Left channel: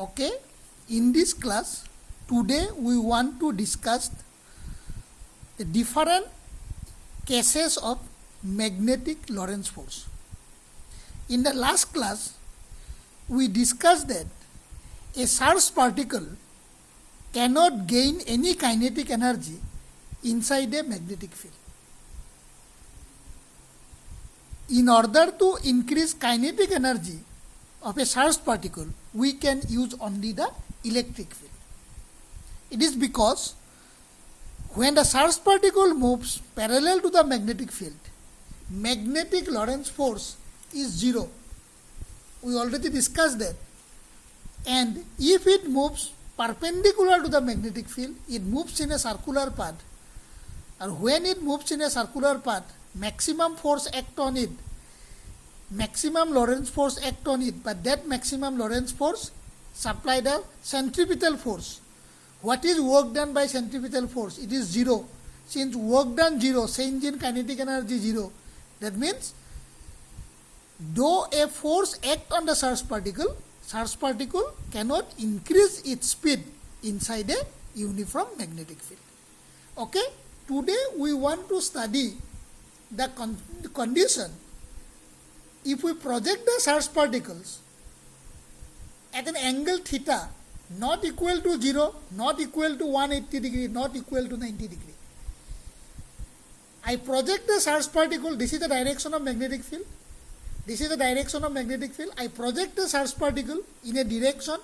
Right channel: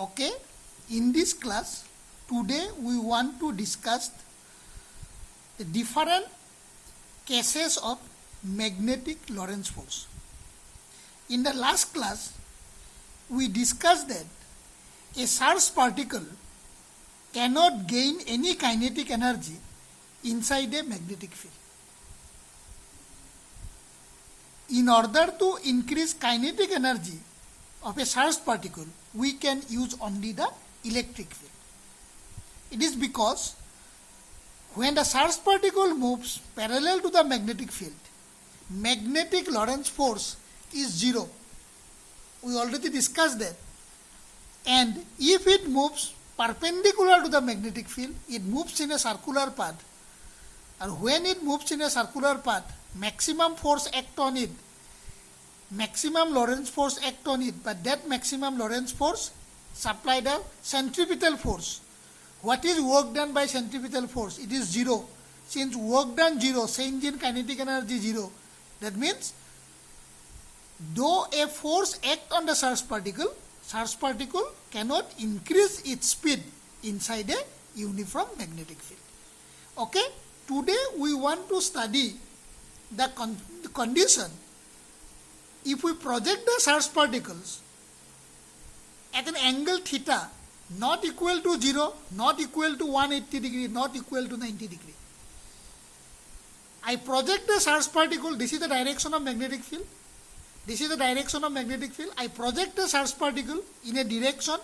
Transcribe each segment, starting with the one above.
Okay, in this class, today we want to discuss the different cases of magnetic Lorentz force. In the last class, we discussed that a charged particle cannot gain any kinetic energy inside a magnetic field. In order to increase kinetic energy of a charged particle, we can use only the electric field. It is because when the charged particle moves parallel to the magnetic field, magnetic Lorentz force is zero. We already discussed that. And if it moves perpendicular to the magnetic field, it moves in a circular path. And when it moves in a circular path, maximum force act on it. Maximum Lorentz force act on it, but that maximum Lorentz force supply the centripetal force. What is work done by centripetal force? It is zero. Since work done zero, change in kinetic energy zero. That means, though a force act on the charged particle cannot increase its speed inside a uniform magnetic field. Okay? Today we want to study the condition if we project the charged particles at an angle theta not equal to 0, not equal to 180 degree, not equal to 90 degree. I project the charged particle, this is the direction of magnetic field. This is the direction of magnetic field. I project the charged particle in a direction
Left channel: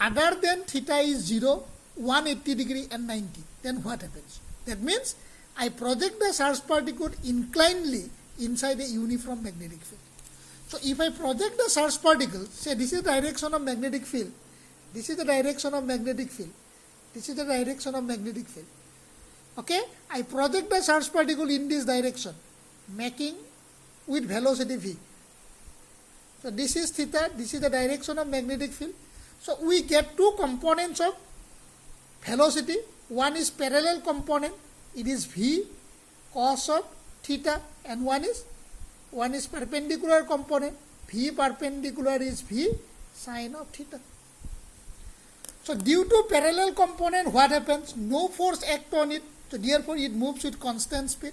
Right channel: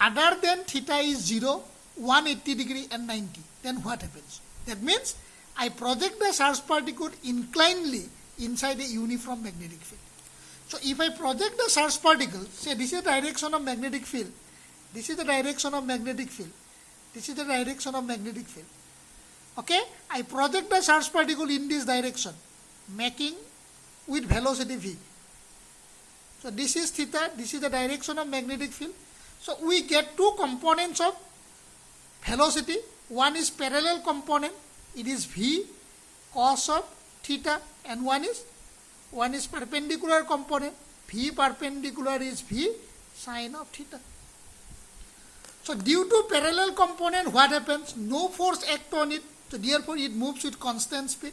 other than theta is 0, 180 degree and 90. Then what happens? That means I project the charged particle inclinedly inside a uniform magnetic field. So if I project the charged particle, say this is the direction of magnetic field, this is the direction of magnetic field, this is the direction of magnetic field. Okay, I project the charged particle in this direction, making with velocity v. So this is theta, this is the direction of magnetic field. So we get two components of velocity. One is parallel component, it is v cos of theta, and one is perpendicular component, v perpendicular is v sine of theta. So due to parallel component, what happens? No force act on it, so therefore it moves with constant speed.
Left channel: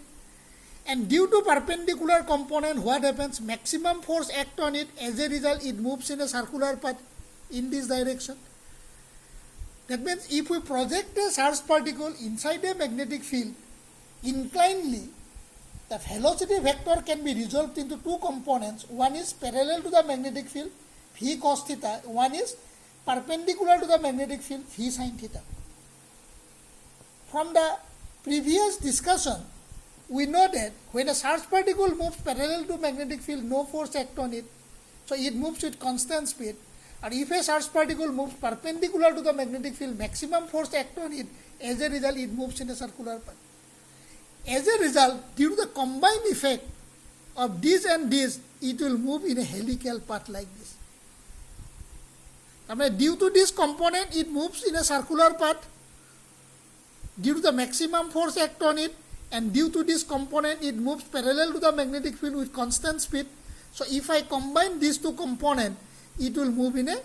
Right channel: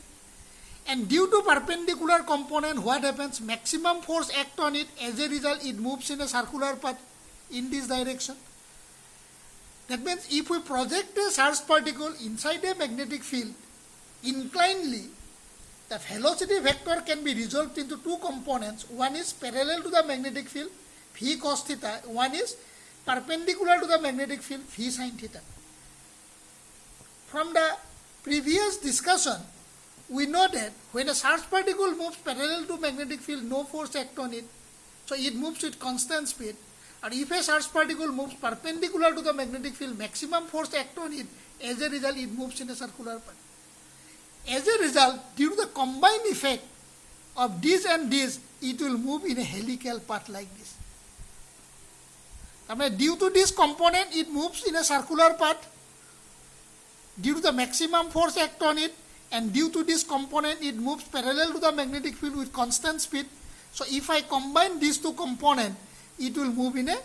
And due to perpendicular component, what happens? Maximum force act on it, as a result it moves in a circular path in this direction. That means if we project a charged particle inside a magnetic field inclinedly, the velocity vector can be resolved into two components. One is parallel to the magnetic field, v cos theta. One is perpendicular to the magnetic field, v sin theta. From the previous discussion, we know that when a charged particle moves parallel to magnetic field, no force acts on it. So it moves with constant speed. And if a charged particle moves perpendicular to the magnetic field, maximum force acts on it. As a result, it moves in a circular path. As a result, due to the combined effect of this and this, it will move in a helical path like this. I mean, due to this component, it moves in a circular path. Due to the maximum force act on it, and due to this component, it moves parallel to the magnetic field with constant speed. So if I combine these two components, it will move in a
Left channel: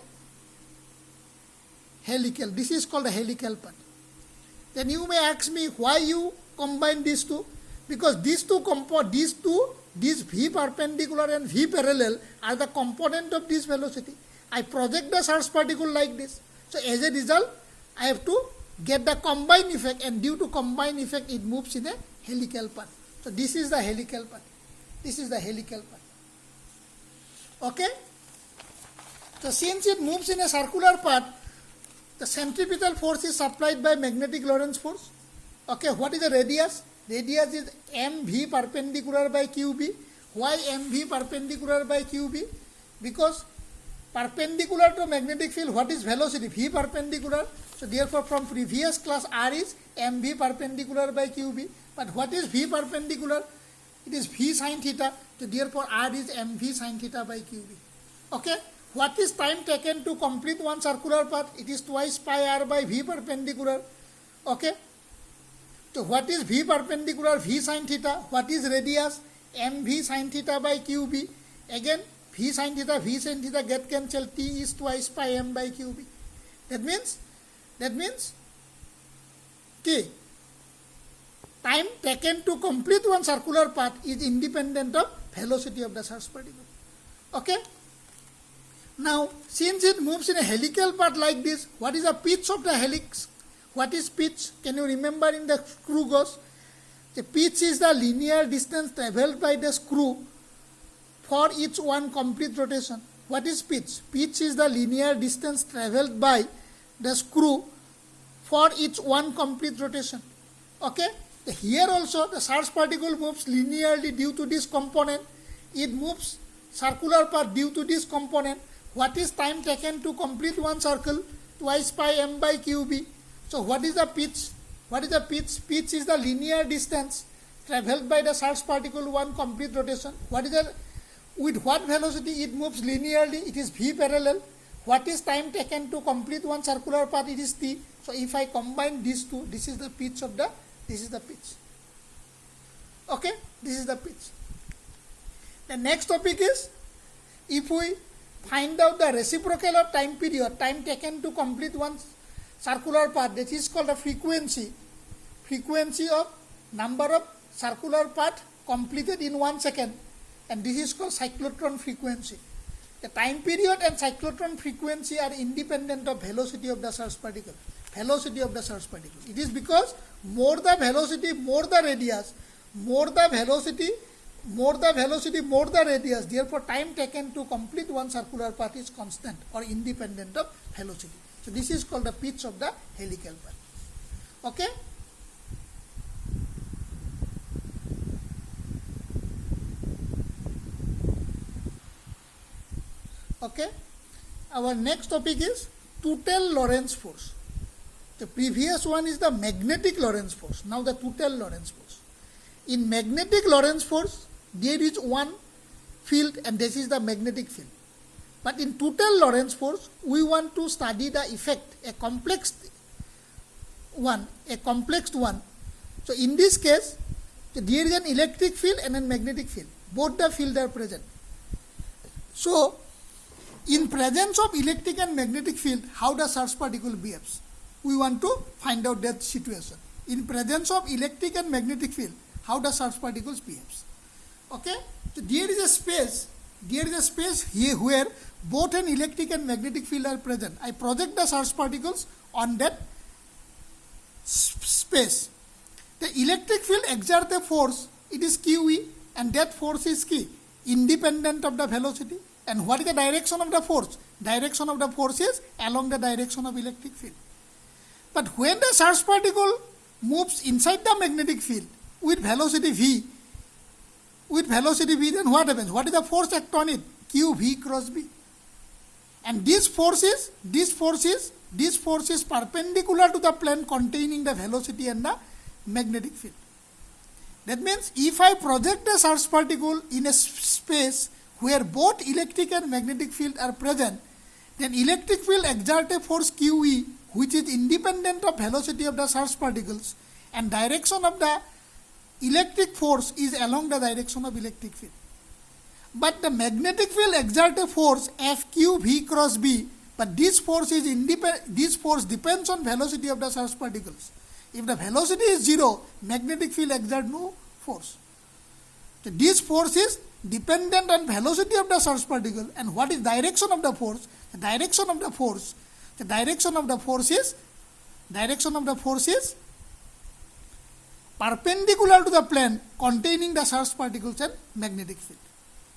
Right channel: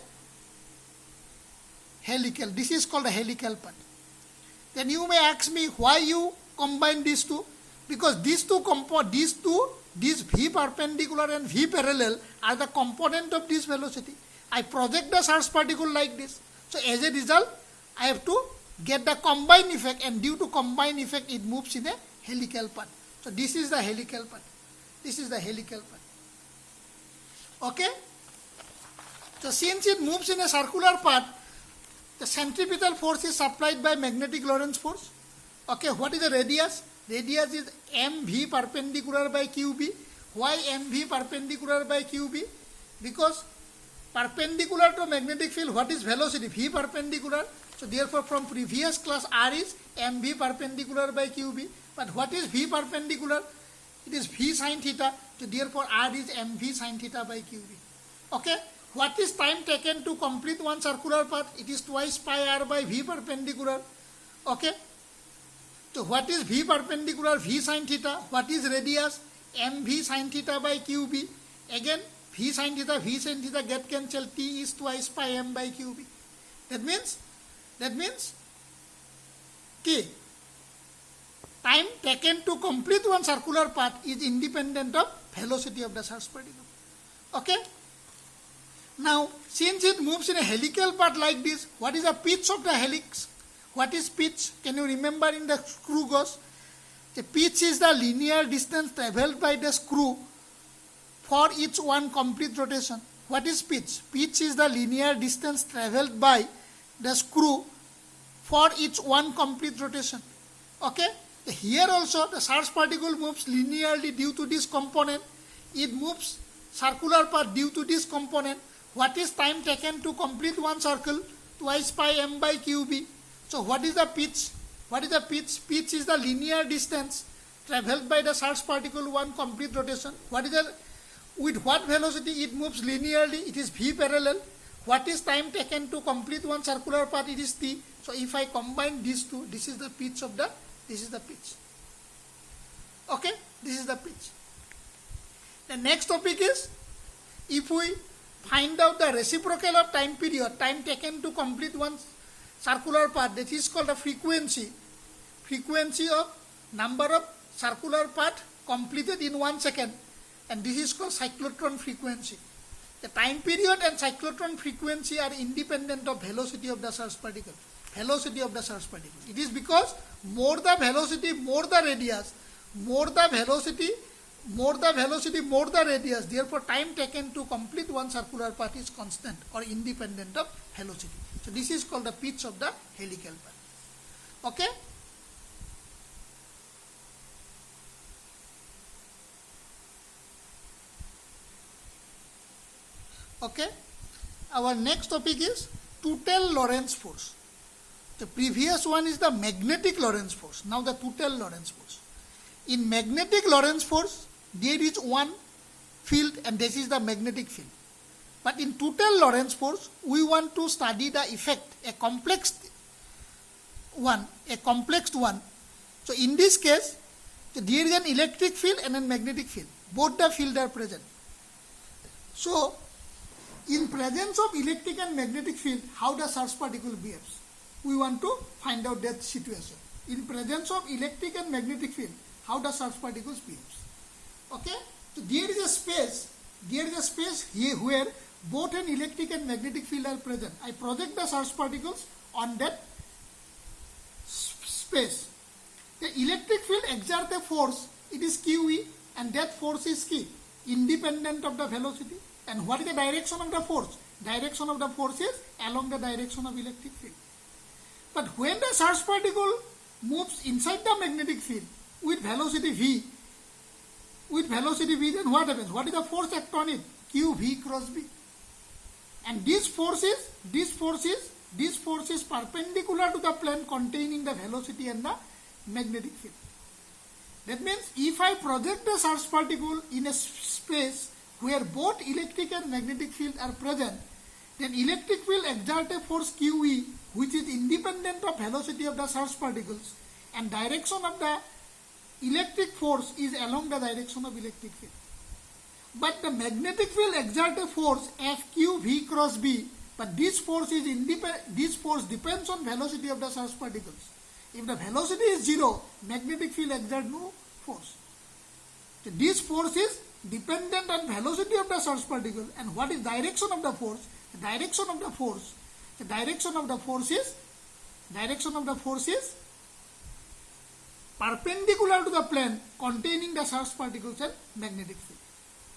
helical. This is called a helical path. Then you may ask me why you combine these two. Because these two, this v perpendicular and v parallel are the component of this velocity. I project the charged particle like this. So as a result, I have to get the combined effect, and due to combined effect, it moves in a helical path. So this is the helical path. This is the helical path. Okay? So since it moves in a circular path, the centripetal force is supplied by magnetic Lorentz force. Okay, what is the radius? Radius is mv perpendicular by qb. Why mv perpendicular by qb? Because perpendicular to magnetic field, what is velocity? V perpendicular. So therefore from previous class, R is mv perpendicular by qb. But what is v perpendicular? It is v sin theta. So therefore R is mv sin theta by qb. Okay. What is time taken to complete one circular path? It is twice pi r by v perpendicular. Okay. So what is v perpendicular? V sin theta. What is radius? mv sin theta by qb. Again, V sin theta get cancelled. T is twice pi m by qb. That means K. Time taken to complete one circular path is independent of velocity of the charged particle. Okay? Now, since it moves in a helical path like this, what is the pitch of the helix? What is pitch? Can you remember in the screw gauge? The pitch is the linear distance traveled by the screw for each one complete rotation. What is pitch? Pitch is the linear distance traveled by the screw for each one complete rotation. Okay? Here also the charged particle moves linearly due to this component. It moves circular path due to this component. What is time taken to complete one circle? Twice pi m by qb. So what is the pitch? What is the pitch? Pitch is the linear distance traveled by the charged particle one complete rotation. With what velocity it moves linearly? It is v parallel. What is time taken to complete one circular path? It is t. So if I combine these two, this is the pitch. Okay, this is the pitch. The next topic is, if we find out the reciprocal of time period, time taken to complete one circular path, that is called the frequency of number of circular path completed in 1 second, and this is called cyclotron frequency. The time period and cyclotron frequency are independent of velocity of the charged particle. It is because more the velocity, more the radius, more the velocity, more the radius. Therefore, time taken to complete one circular path is constant or independent of velocity. So this is called the pitch of the helical path. Okay? Okay? Our next topic is total Lorentz force. The previous one is the magnetic Lorentz force. Now the total Lorentz force. In magnetic Lorentz force, there is one field and this is the magnetic field. But in total Lorentz force, we want to study the effect, a complex one. So in this case, there is an electric field and a magnetic field. Both the fields are present. So, in presence of electric and magnetic field, how the charged particle behaves? We want to find out that situation. In presence of electric and magnetic field, how the charged particles behaves. Okay? So there is a space here where both an electric and magnetic field are present. I project the charged particles on that space. The electric field exerts a force, it is QE, and that force is independent of the velocity. And what is the direction of the force? Direction of the force is along the direction of electric field. But when the charged particle moves inside the magnetic field with velocity v, then what happens? What is the force act on it? QV cross B. And this force is perpendicular to the plane containing the velocity and the magnetic field. That means if I project a charged particle in a space where both electric and magnetic field are present, then electric field exerts a force QE, which is independent of velocity of the charged particles, and direction of the electric force is along the direction of electric field. But the magnetic field exerts a force FQV cross B, but this force depends on velocity of the charged particles. If the velocity is 0, magnetic field exerts no force. So this force is dependent on velocity of the charged particle. And what is direction of the force? The direction of the force is perpendicular to the plane containing the charged particles and magnetic field.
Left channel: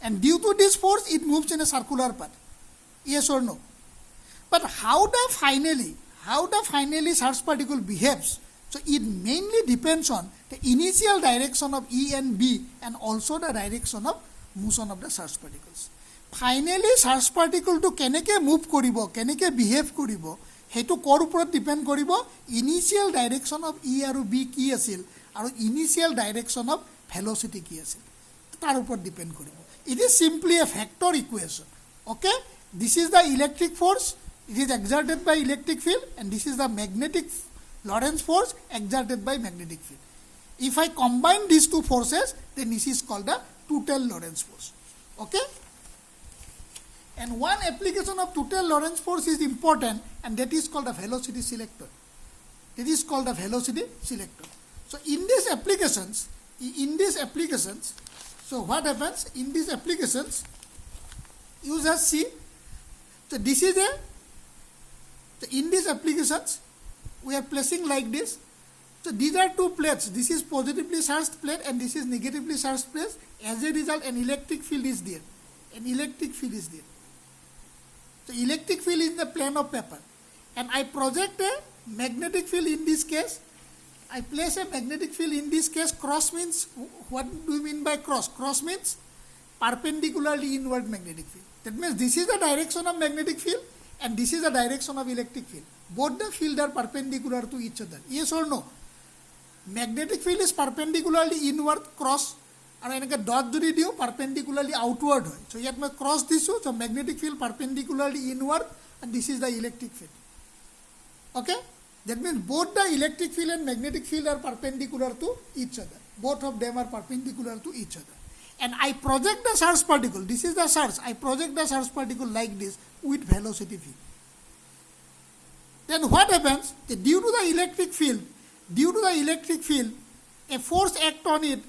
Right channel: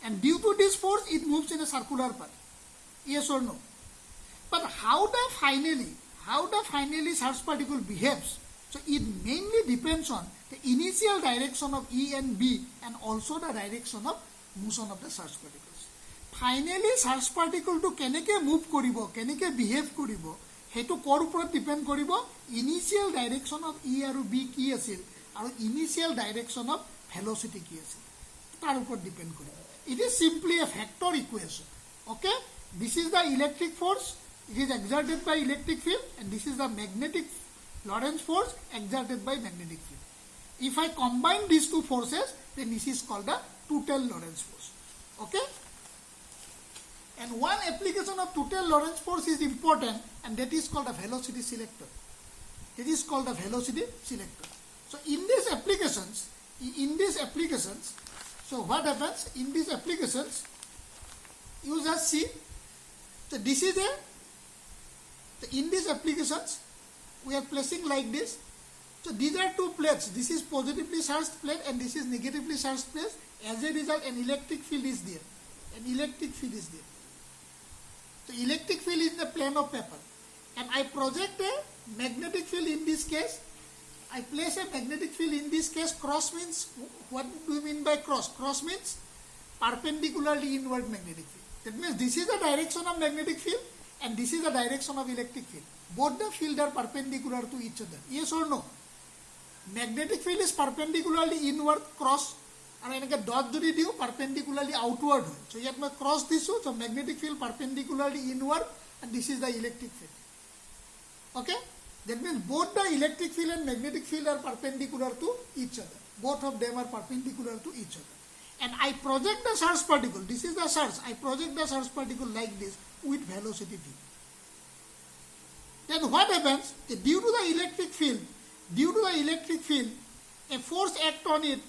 And due to this force, it moves in a circular path. Yes or no? But how the finally charged particle behaves? So it mainly depends on the initial direction of E and B and also the direction of motion of the charged particles. Finally, charged particle to keneke move koribo, keneke behave koribo, hetu kor upor depend koribo, initial direction of E aru B ki asil, aru initial direction of velocity ki asil. Tar upor depend koribo. It is simply a vector equation. Okay? This is the electric force. It is exerted by electric field, and this is the magnetic Lorentz force exerted by magnetic field. If I combine these two forces, then this is called the total Lorentz force. Okay? And one application of total Lorentz force is important, and that is called a velocity selector. It is called a velocity selector. So in these applications, so what happens in these applications? You just see. So this is a. So in these applications, we are placing like this. So these are two plates. This is positively charged plate and this is negatively charged plate. As a result, an electric field is there. An electric field is there. The electric field is the plane of paper. And I project a magnetic field in this case. I place a magnetic field in this case. Cross means, what do we mean by cross? Cross means perpendicularly inward magnetic field. That means this is the direction of magnetic field and this is the direction of electric field. Both the fields are perpendicular to each other. Yes or no? Magnetic field is perpendicularly inward, cross. And I get dot jodi diu perpendicularly outward. So yet my cross this, so magnetic field perpendicularly inward, and this is the electric field. Okay? That means both the electric field and magnetic field are perpendicular to each other. Both of them are perpendicular to each other. And I project the charge particle. This is the charge. I project the charge particle like this with velocity v. Then what happens? Due to the electric field, a force acts on it,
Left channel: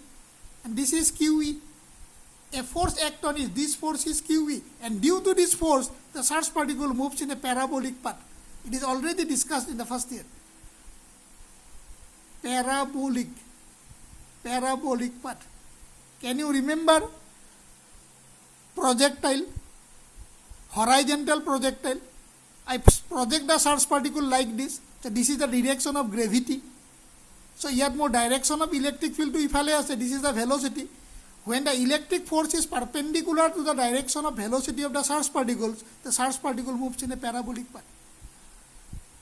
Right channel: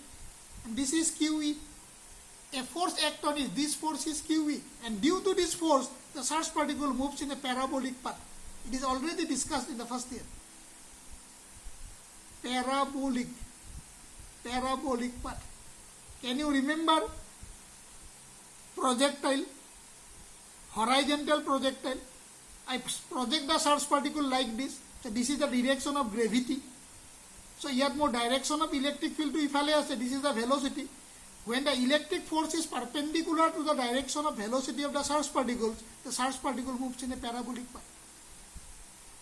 and this is QE. A force acts on it, this force is QE. And due to this force, the charge particle moves in a parabolic path. It is already discussed in the first year. Parabolic path. Can you remember projectile? Horizontal projectile. I project the charge particle like this. So this is the direction of gravity. So here more direction of electric field to ifale ase. This is the velocity. When the electric force is perpendicular to the direction of velocity of the charge particles, the charge particle moves in a parabolic path.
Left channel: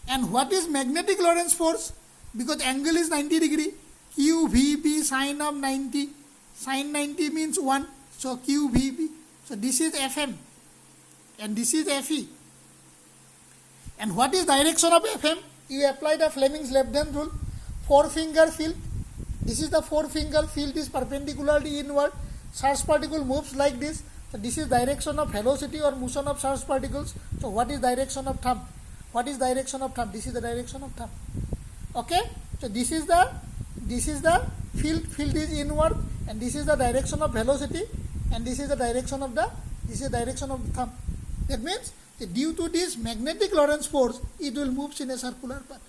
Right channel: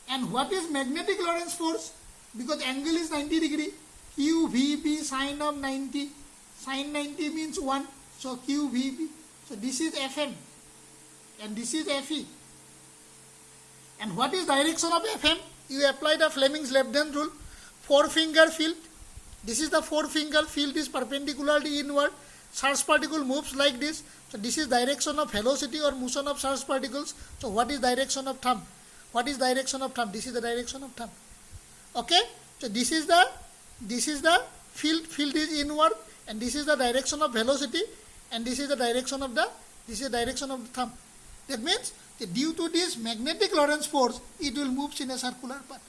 And what is magnetic Lorentz force? Because angle is 90 degree. QVB sine of 90. Sine 90 means 1. So QVB. So this is FM. And this is FE. And what is direction of FM? You apply the Fleming's left-hand rule. Four-finger field. This is the four-finger field is perpendicularly inward. Charge particle moves like this. So this is direction of velocity or motion of charge particles. So what is direction of thumb? What is direction of thumb? This is the direction of thumb. Okay? So this is the field. Field is inward, and this is the direction of velocity, and this is the direction of the thumb. That means that due to this magnetic Lorentz force, it will move in a circular path.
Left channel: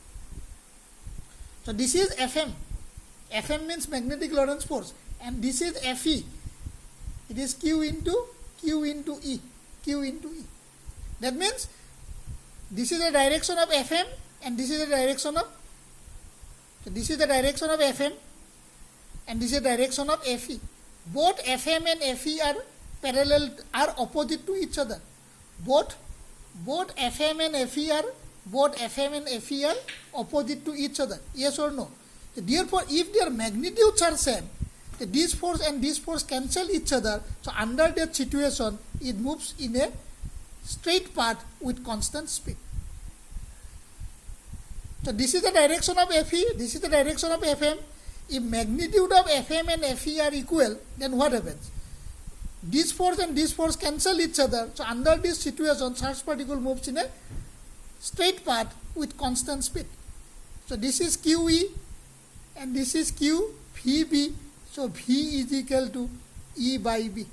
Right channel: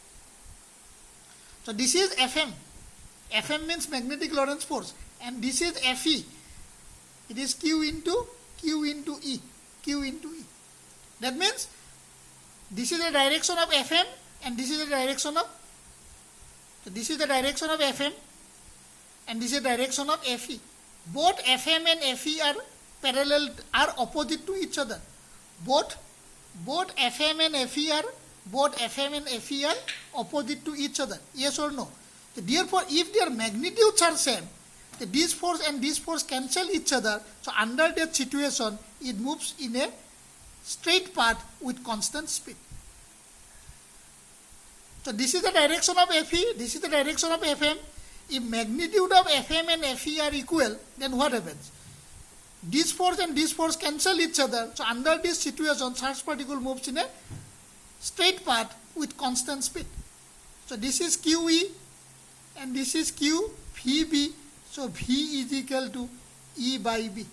So this is FM. FM means magnetic Lorentz force, and this is FE. It is Q into E. That means this is the direction of FM, and this is the direction of FM, and this is the direction of FE. Both FM and FE are opposite to each other. Both FM and FE are opposite to each other. Yes or no? So therefore, if their magnitudes are same, this force and this force cancel each other. So under that situation, it moves in a straight path with constant speed. So this is the direction of FE, this is the direction of FM. If magnitude of FM and FE are equal, then what happens? This force and this force cancel each other. So under this situation, charge particle moves in a straight path with constant speed. So this is QE and this is QVB. So V is equal to E by B.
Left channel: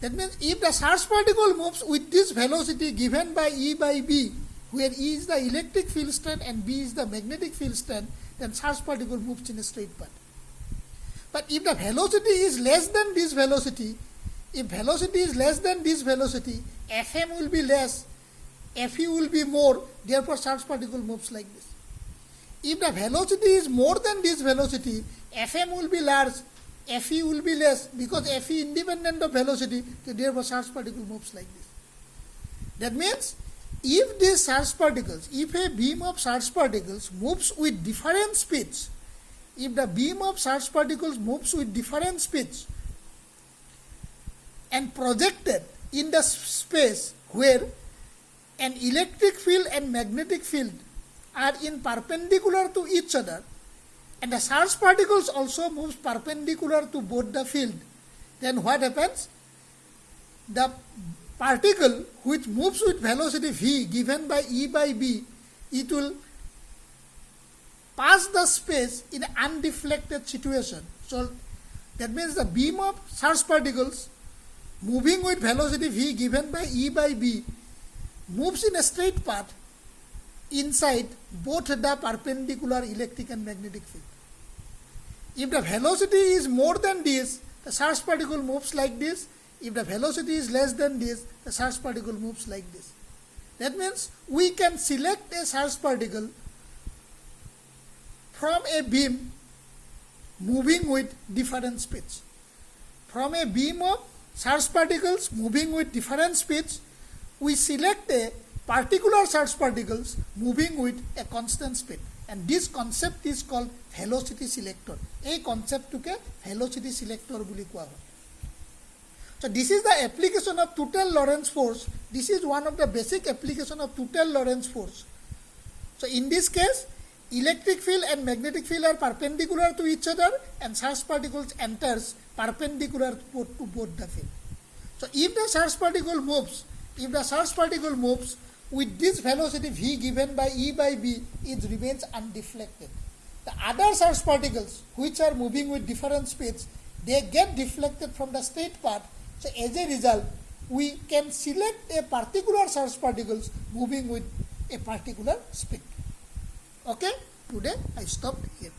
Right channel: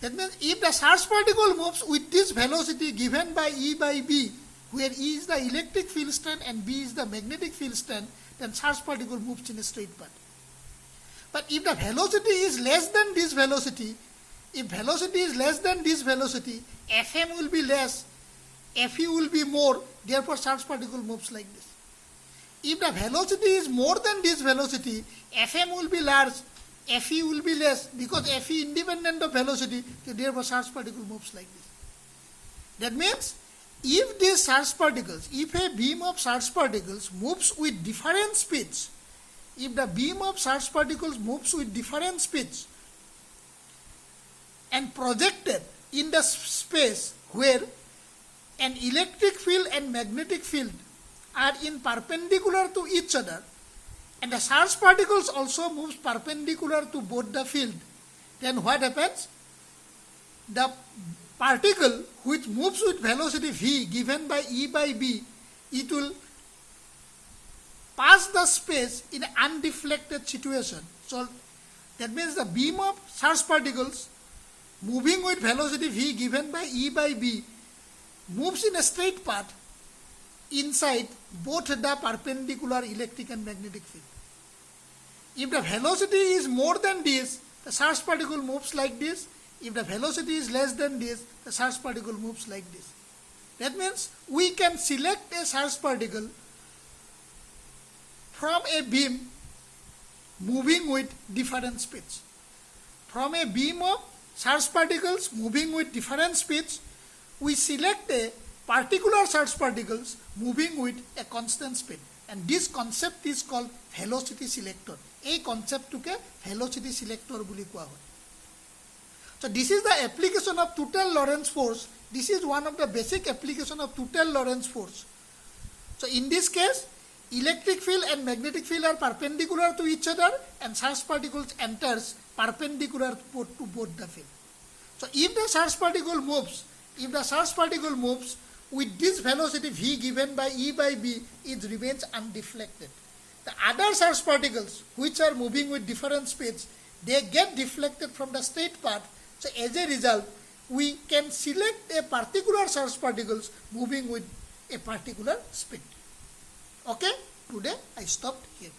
That means if the charge particle moves with this velocity given by E by B, where E is the electric field strength and B is the magnetic field strength, then charge particle moves in a straight path. But if the velocity is less than this velocity, FM will be less, FE will be more, therefore charge particle moves like this. If the velocity is more than this velocity, FM will be large, FE will be less, because FE independent of velocity, so therefore charge particle moves like this. That means, if these charge particles, if a beam of charge particles moves with different speeds, if the beam of charge particles moves with different speeds and projected in the space where an electric field and magnetic field are in perpendicular to each other, and the charge particles also moves perpendicular to both the field, then what happens? the particle which moves with velocity v given by E by B, it will pass the space in an undeflected situation. So that means the beam of charged particles moving with velocity v given by E by B moves in a straight path inside both the perpendicular electric and magnetic field. If the velocity is more than this, the charged particle moves like this. If the velocity is less than this, the charged particle moves like this. That means we can select a charged particle from a beam moving with different speeds. From a beam of charged particles moving with different speeds, we select a particular charged particles moving with a constant speed. And this concept is called velocity selector. A concept took a velocity selector buli koa hoy. So this is the application of total Lorentz force. This is one of the basic application of total Lorentz force. So in this case, electric field and magnetic field are perpendicular to each other, and charged particles enters perpendicular to both the field. So if the charged particle moves with this velocity v given by E by B, it remains undeflected. The other charged particles which are moving with different speeds, they get deflected from the straight path. So as a result, we can select a particular charged particles moving with a particular speed. Okay, today I stopped here.